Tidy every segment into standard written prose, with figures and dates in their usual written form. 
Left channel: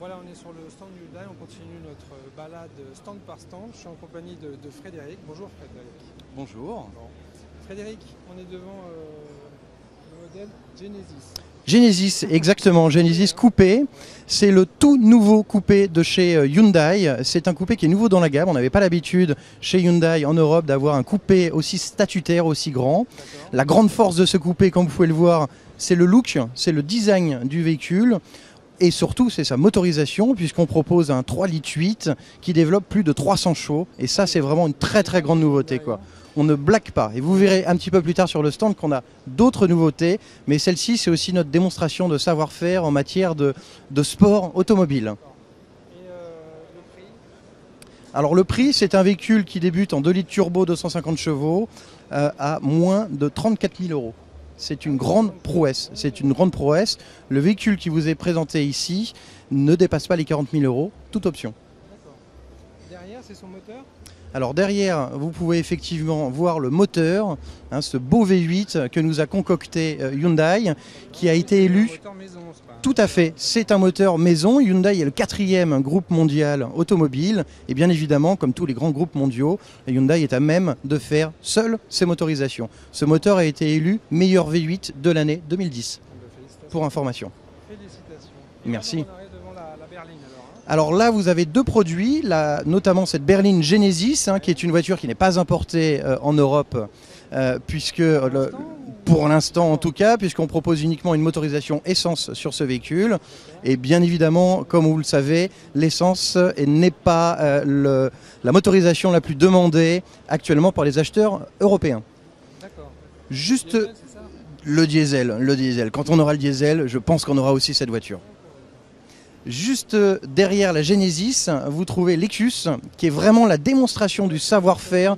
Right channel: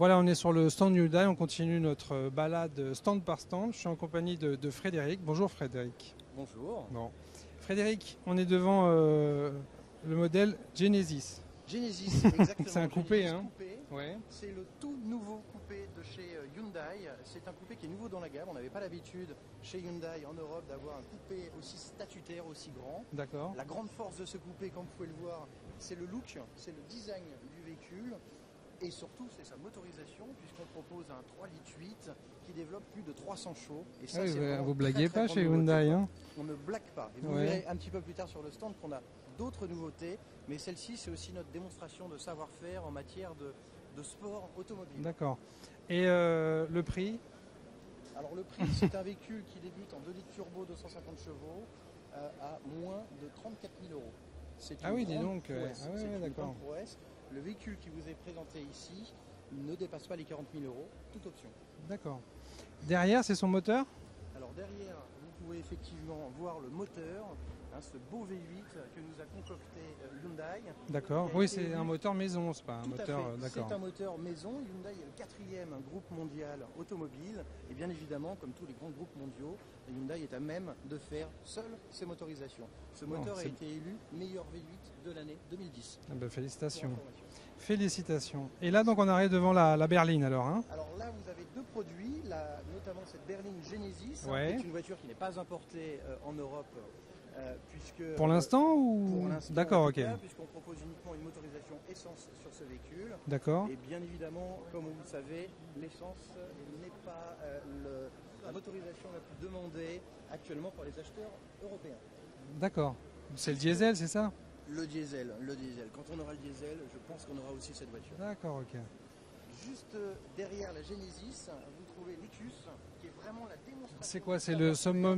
Voilà, on est sur le stand Hyundai, on continue notre balade stand par stand. Je suis en compagnie de Frédéric. Bonjour Frédéric. Bonjour. Bon. Frédéric, on est devant le modèle Genesis. Genesis, exactement, Genesis coupé. Ouais. C'est le tout nouveau coupé de chez Hyundai. C'est un coupé qui est nouveau dans la gamme. On n'avait pas l'habitude chez Hyundai en Europe d'avoir un coupé aussi statutaire, aussi grand. La grande force de ce coupé, comme vous pouvez le voir, c'est le look, c'est le design du véhicule. Et surtout, c'est sa motorisation, puisqu'on propose un 3,8 litres qui développe plus de 300 chevaux. Et ça, c'est vraiment une très très grande nouveauté, quoi. On ne blague pas. Et vous verrez un petit peu plus tard sur le stand qu'on a d'autres nouveautés. Mais celle-ci, c'est aussi notre démonstration de savoir-faire en matière de sport automobile. Et le prix? Alors le prix, c'est un véhicule qui débute en 2 litres turbo, 250 chevaux, à moins de 34 000 euros. C'est une grande prouesse. C'est une grande prouesse. Le véhicule qui vous est présenté ici ne dépasse pas les 40 000 euros, toute option. D'accord. Derrière, c'est son moteur? Alors derrière, vous pouvez effectivement voir le moteur, hein, ce beau V8 que nous a concocté Hyundai, qui a été élu. Un moteur maison, tout à fait, c'est un moteur maison. Hyundai est le 4e groupe mondial automobile. Et bien évidemment, comme tous les grands groupes mondiaux, Hyundai est à même de faire seul ses motorisations. Ce moteur a été élu meilleur V8 de l'année 2010, pour information. Félicitations. Et merci. Là, donc, on arrive devant la berline alors. Hein. Alors là, vous avez deux produits, notamment cette berline Genesis, hein, qui est une voiture qui n'est pas importée en Europe, puisque pour l'instant en tout cas, puisqu'on propose uniquement une motorisation essence sur ce véhicule. Et bien évidemment, comme vous le savez, l'essence n'est pas la motorisation la plus demandée actuellement par les acheteurs européens. D'accord. Juste le diesel, c'est ça ? le diesel. Quand on aura le diesel, je pense qu'on aura aussi cette voiture. Juste derrière la Genesis, vous trouvez l'Ecus, qui est vraiment la démonstration du savoir-faire.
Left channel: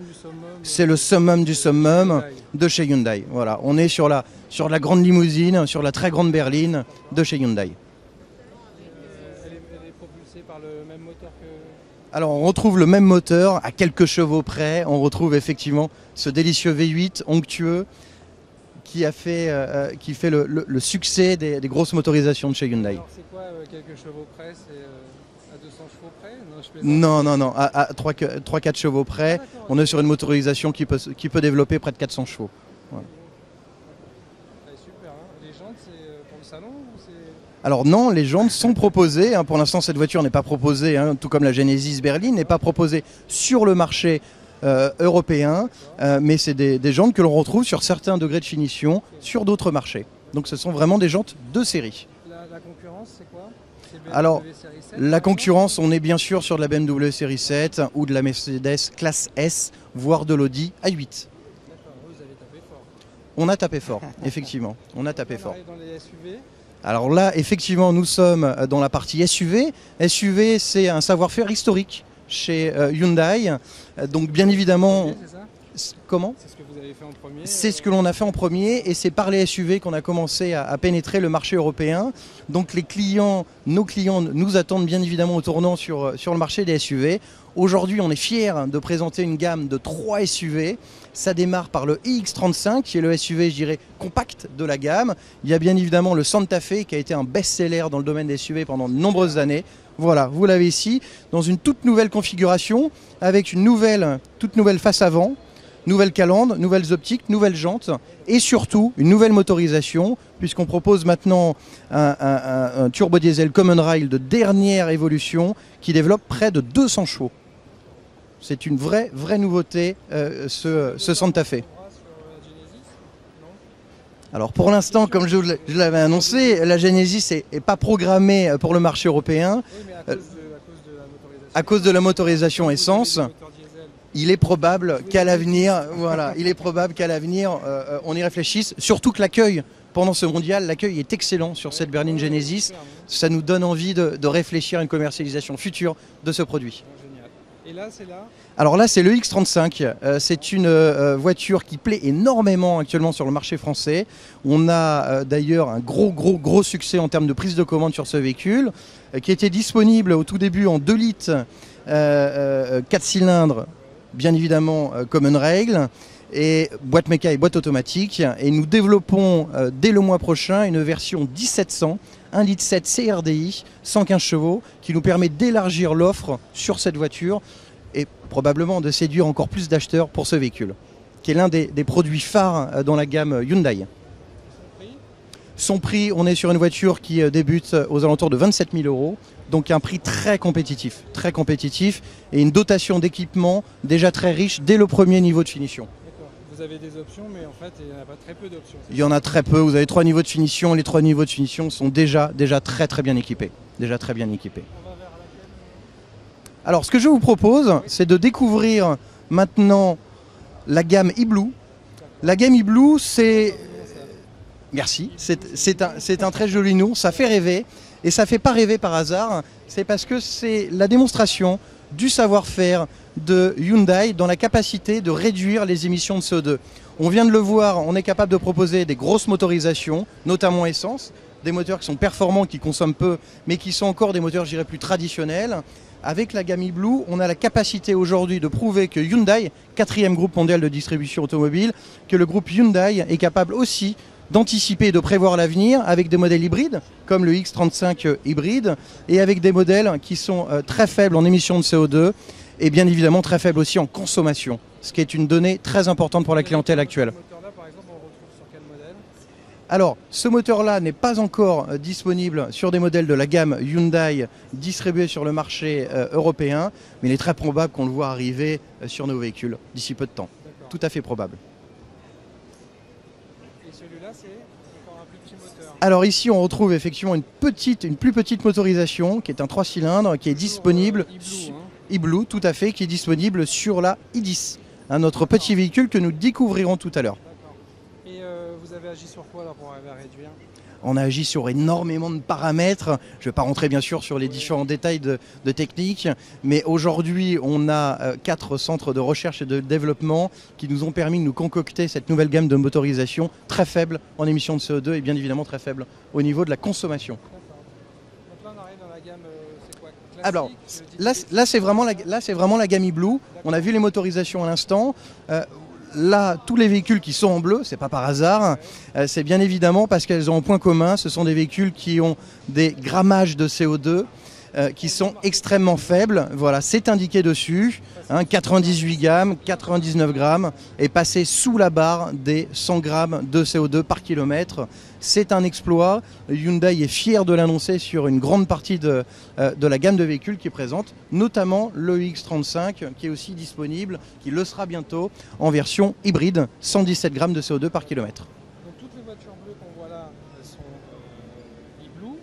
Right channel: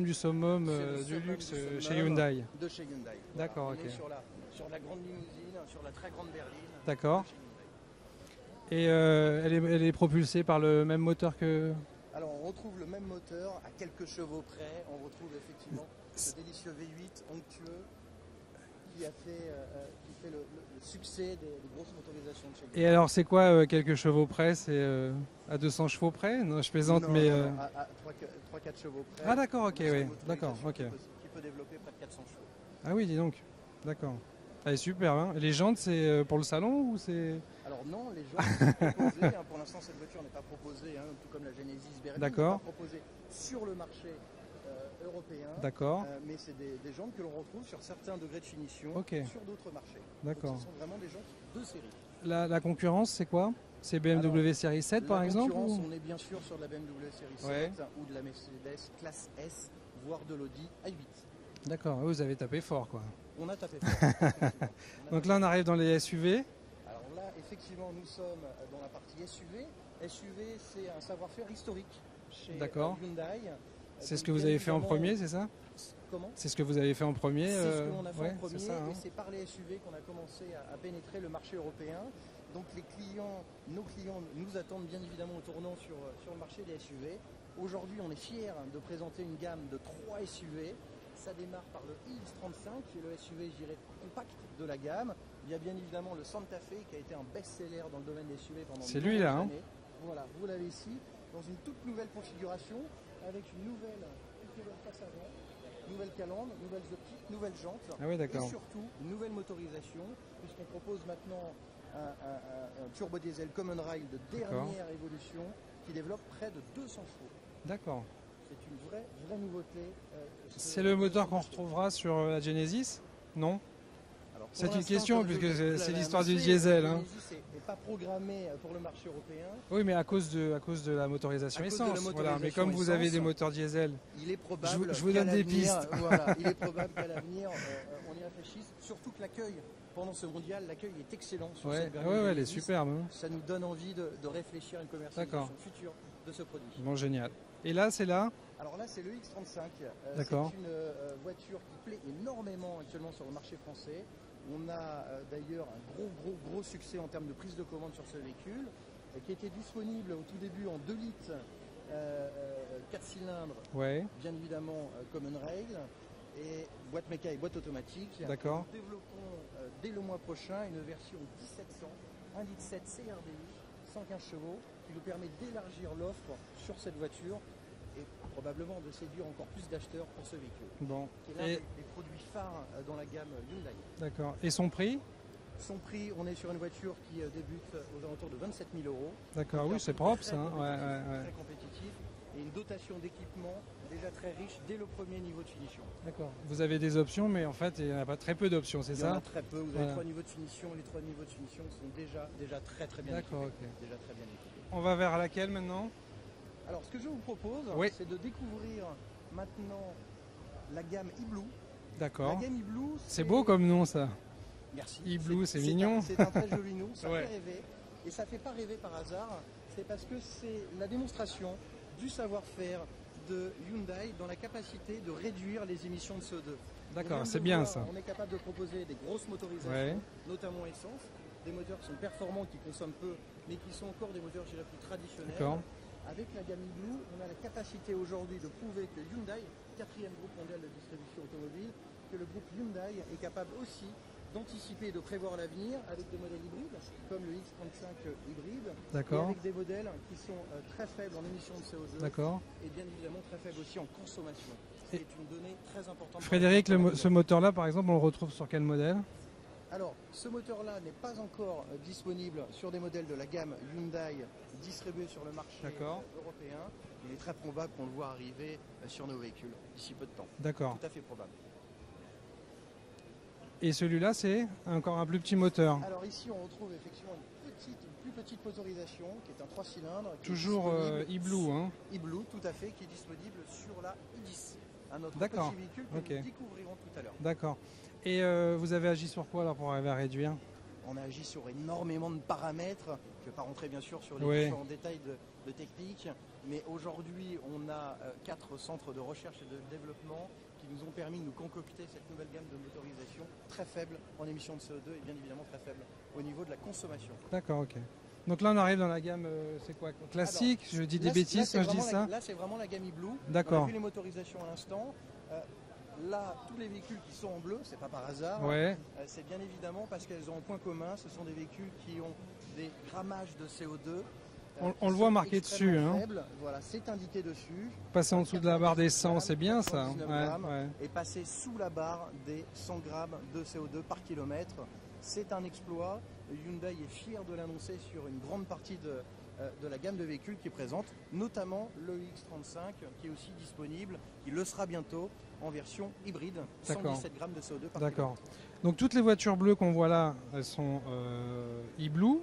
C'est le summum du summum de chez Hyundai. Voilà, on est sur la grande limousine, sur la très grande berline de chez Hyundai. Et elle est propulsée par le même moteur que... Alors on retrouve le même moteur, à quelques chevaux près. On retrouve effectivement ce délicieux V8 onctueux qui fait le succès des grosses motorisations de chez Hyundai. Et alors c'est quoi quelques chevaux près? C'est à 200 chevaux près? Non, je plaisante, non, à 3-4 chevaux près. On est sur une motorisation qui peut développer près de 400 chevaux. Ah oui, dis donc, d'accord. Elle est super, hein. Les jantes, c'est pour le salon ou c'est... Alors non, les jantes sont proposées. Hein. Pour l'instant, cette voiture n'est pas proposée, hein, tout comme la Genesis berline, n'est pas proposée sur le marché européen, mais c'est des jantes que l'on retrouve sur certains degrés de finition sur d'autres marchés. Donc ce sont vraiment des jantes de série. La concurrence, c'est quoi? C'est BMW Alors, série 7, la concurrence, on est bien sûr sur de la BMW série 7 ou de la Mercedes classe S, voire de l'Audi A8. D'accord, vous avez tapé fort, quoi. On a tapé fort, effectivement. On a Donc tapé là, on fort. arrive dans les SUV. Alors là, effectivement, nous sommes dans la partie SUV. SUV, c'est un savoir-faire historique chez Hyundai. Donc bien évidemment... Comment? C'est ce que vous avez fait en premier. C'est ce que l'on a fait en premier et c'est par les SUV qu'on a commencé à pénétrer le marché européen. Donc nos clients nous attendent bien évidemment au tournant sur le marché des SUV. Aujourd'hui, on est fiers de présenter une gamme de 3 SUV. Ça démarre par le iX35, qui est le SUV, je dirais, compact de la gamme. Il y a bien évidemment le Santa Fe, qui a été un best-seller dans le domaine des SUV pendant de nombreuses années. Voilà, vous l'avez ici, dans une toute nouvelle configuration, avec une toute nouvelle face avant, nouvelle calandre, nouvelles optiques, nouvelles jantes, et surtout une nouvelle motorisation, puisqu'on propose maintenant un turbo diesel Common Rail de dernière évolution, qui développe près de 200 chevaux. C'est une vraie nouveauté, ce Santa Fe. Sur la Genesis? Non. Alors pour l'instant, comme je l'avais annoncé, la Genesis n'est pas programmée pour le marché européen. Oui, mais à cause de la motorisation. À cause de la motorisation essence, il est probable qu'à l'avenir, on y réfléchisse. Surtout que l'accueil pendant ce mondial, l'accueil est excellent sur cette berline Genesis. Ça nous donne envie de réfléchir à une commercialisation future de ce produit. Bon, génial. Et là, c'est là? Alors là, c'est le X35. C'est une voiture qui plaît énormément actuellement sur le marché français. On a d'ailleurs un gros succès en termes de prise de commande sur ce véhicule, qui était disponible au tout début en 2 litres, 4 cylindres, bien évidemment Common Rail, et boîte méca et boîte automatique. Et nous développons dès le mois prochain une version 1700 1,7 litre CRDI, 115 chevaux, qui nous permet d'élargir l'offre sur cette voiture et probablement de séduire encore plus d'acheteurs pour ce véhicule, Bon. qui est l'un des produits phares dans la gamme Hyundai. D'accord. Et son prix? Son prix, on est sur une voiture qui débute aux alentours de 27 000 €, donc oui, un c'est prix proche, très hein. compétitif, Ouais. très compétitif, et une dotation d'équipement déjà très riche dès le premier niveau de finition. D'accord. Vous avez des options, mais en fait, il n'y en a pas très peu d'options. Il y en a très peu, vous avez 3 niveaux de finition, les 3 niveaux de finition sont déjà très bien équipés. Déjà très bien équipés. On va vers laquelle maintenant? Alors ce que je vous propose, Oui. c'est de découvrir maintenant la gamme e-Blue. D'accord. La gamme e-Blue, C'est c'est... beau comme nom, ça. Merci, e-Blue, c'est c'est mignon. c'est un très joli nom, ça fait rêver. Et ça ne fait pas rêver par hasard, c'est parce que c'est la démonstration du savoir-faire de Hyundai dans la capacité de réduire les émissions de CO2. On vient de le c'est bien, voir, ça. on est capable de proposer des grosses motorisations, notamment essence, des moteurs qui sont performants, qui consomment peu, mais qui sont encore des moteurs, je dirais, plus traditionnels. Avec la gamme e-Blue, on a la capacité aujourd'hui de prouver que Hyundai, 4e groupe mondial de distribution automobile, que le groupe Hyundai est capable aussi d'anticiper et de prévoir l'avenir avec des modèles hybrides, comme le X35 hybride, et avec des modèles qui sont très faibles en émissions de CO2 D'accord. et bien évidemment très faibles aussi en consommation, ce qui est une donnée très importante pour la Frédéric, clientèle actuelle. Ce moteur-là, par exemple, on le retrouve sur quel modèle? Alors, ce moteur-là n'est pas encore disponible sur des modèles de la gamme Hyundai distribués sur le marché européen, mais il est très probable qu'on le voit arriver sur nos véhicules d'ici peu de temps. D'accord. Tout à fait probable. Et celui-là, c'est encore un plus petit moteur. Alors ici, on retrouve effectivement une plus petite motorisation, qui est un 3 cylindres, qui est Toujours, disponible, e-Blue, hein. e-Blue, tout à fait, qui est disponible sur la i10, notre D'accord. petit véhicule que nous Ok. découvrirons tout à l'heure. D'accord. Et vous avez agi sur quoi là pour arriver à réduire? On a agi sur énormément de paramètres. Je ne vais pas rentrer bien sûr sur les Oui. différents détails de technique, mais aujourd'hui on a 4 centres de recherche et de développement qui nous ont permis de nous concocter cette nouvelle gamme de motorisation très faible en émissions de CO2 et bien évidemment très faible au niveau de la consommation. D'accord, ok. Donc là on arrive dans la gamme, c'est quoi? Alors, Classique? Je dis des là, bêtises là, c'est quand vraiment, je la, dis ça. là, c'est vraiment la gamme e-Blue. D'accord. On a vu les motorisations à l'instant. Là, tous les véhicules qui sont en bleu, c'est pas par hasard. Ouais. C'est bien évidemment parce qu'elles ont un point commun. Ce sont des véhicules qui ont des grammages de CO2 Donc, on qui le voit sont marqué extrêmement dessus, hein. faibles. Voilà, c'est indiqué dessus. Passer en dessous de la barre 98 d'essence, grammes, c'est bien, ça. 99 Ouais, grammes ouais. et passer sous la barre des 100 grammes de CO2 par kilomètre. C'est un exploit. Hyundai est fier de l'annoncer sur une grande partie de la gamme de véhicules qui présente, notamment le X35 qui est aussi disponible, qui le sera bientôt en version hybride, 117 grammes de CO2 par D'accord. kilomètre. Donc toutes les voitures bleues qu'on voit là, elles sont e-Blue.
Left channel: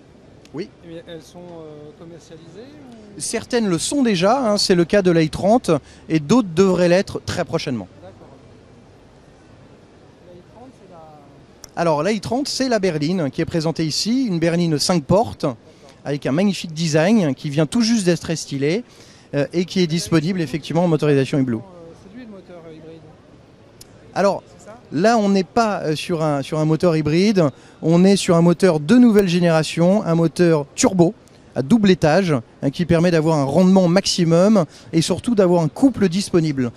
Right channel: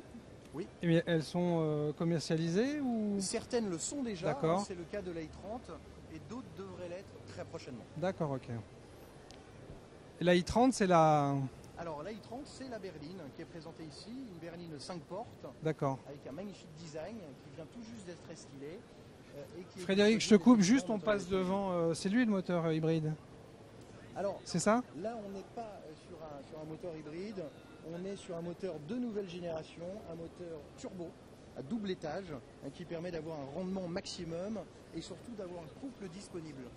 Oui. Et elles sont commercialisées ou... Certaines le sont déjà, D'accord. c'est le cas de la i30 et d'autres devraient l'être très prochainement. D'accord, ok. Et la i30, c'est la... Alors la i30, c'est la berline qui est présentée ici, une berline 5 portes D'accord. avec un magnifique design qui vient tout juste d'être stylé et qui est Frédéric, disponible je te coupe effectivement en juste motorisation pour e-Blue. savoir, c'est lui le moteur hybride, Alors c'est ça? là, on n'est pas sur un moteur hybride, on est sur un moteur de nouvelle génération, un moteur turbo à double étage qui permet d'avoir un rendement maximum et surtout d'avoir un couple disponible.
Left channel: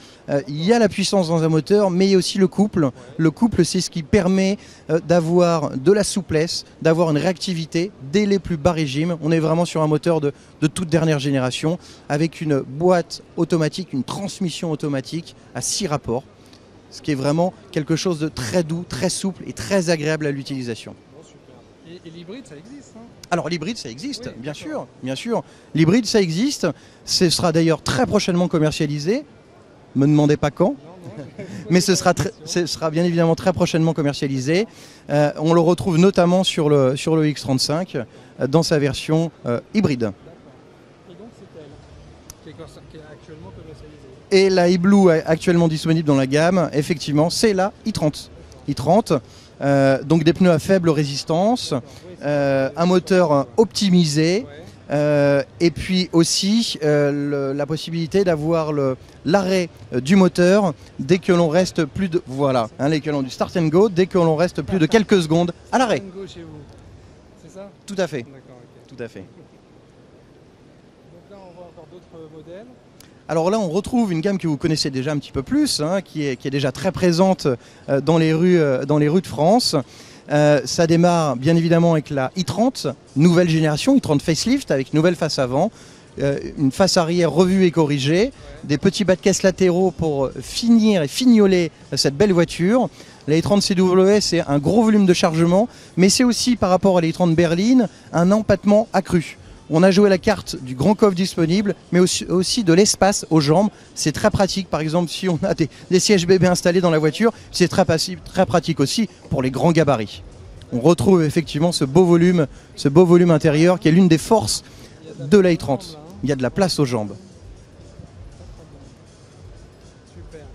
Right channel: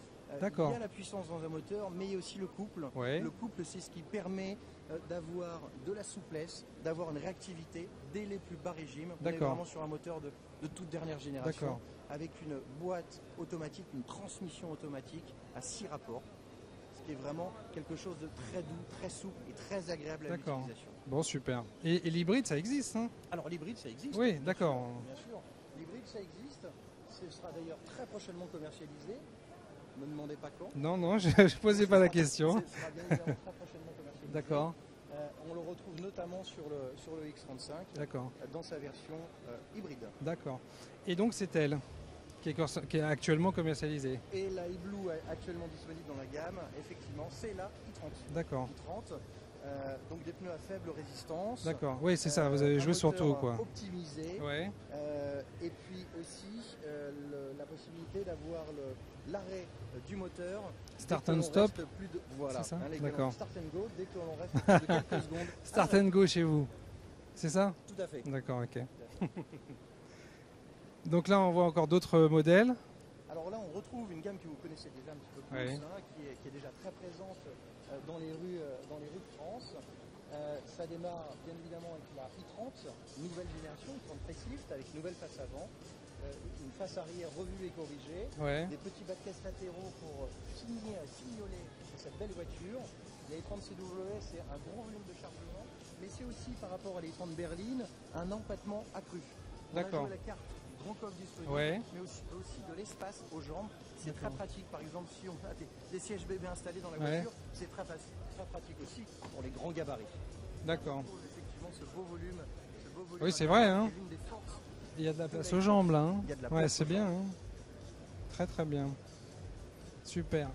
Il y a la puissance dans un moteur, mais il y a aussi le couple. Ouais. Le couple, c'est ce qui permet d'avoir de la souplesse, d'avoir une réactivité dès les plus bas régimes. On est vraiment sur un moteur de toute dernière génération avec une boîte automatique, une transmission automatique à 6 rapports. Ce qui est vraiment quelque chose de très doux, très souple et très agréable à l'utilisation. Bon, super. Et l'hybride, ça existe, hein? Alors l'hybride, ça existe, Oui, bien d'accord. sûr, bien sûr. L'hybride, ça existe. Ce sera d'ailleurs très prochainement commercialisé. Me demandez pas quand, Non, non, je posais mais ce pas la sera, question. ce sera bien évidemment très prochainement commercialisé. D'accord, On le retrouve notamment sur le X35 d'accord, dans sa version hybride. d'accord. Et donc c'est elle qui est actuellement commercialisée. Et la e-Blue actuellement disponible dans la gamme, effectivement, c'est la i30. D'accord. i30, donc des pneus à faible résistance, D'accord. Oui, c'est ça, vous avez un vu moteur sur photo, quoi. optimisé, Ouais. et puis aussi la possibilité d'avoir l'arrêt du moteur dès que l'on reste plus de voilà, C'est ça les que l'on D'accord. du start and go dès que l'on reste plus de quelques secondes à l'arrêt. Start and go chez vous. C'est ça? Tout à fait, D'accord, ok. tout à fait. Donc là, on voit encore d'autres modèles. Alors là, on retrouve une gamme que vous connaissez déjà un petit peu plus, qui est déjà très présente dans les rues de France. Ça démarre bien évidemment avec la i30, nouvelle génération, i30 facelift avec nouvelle face avant, une face arrière revue et corrigée, des petits bas de caisse latéraux pour finir et fignoler cette belle voiture. La i30 CW, c'est un gros volume de chargement, mais c'est aussi par rapport à la i30 berline un empattement accru. On a joué la carte du grand coffre disponible, mais aussi de l'espace aux jambes. C'est très pratique, par exemple, si on a des sièges bébés installés dans la voiture, c'est très pratique aussi pour les grands gabarits. On retrouve effectivement ce beau volume intérieur qui est l'une des forces de la i30. Il y a de la place aux jambes. Très très bien. Super.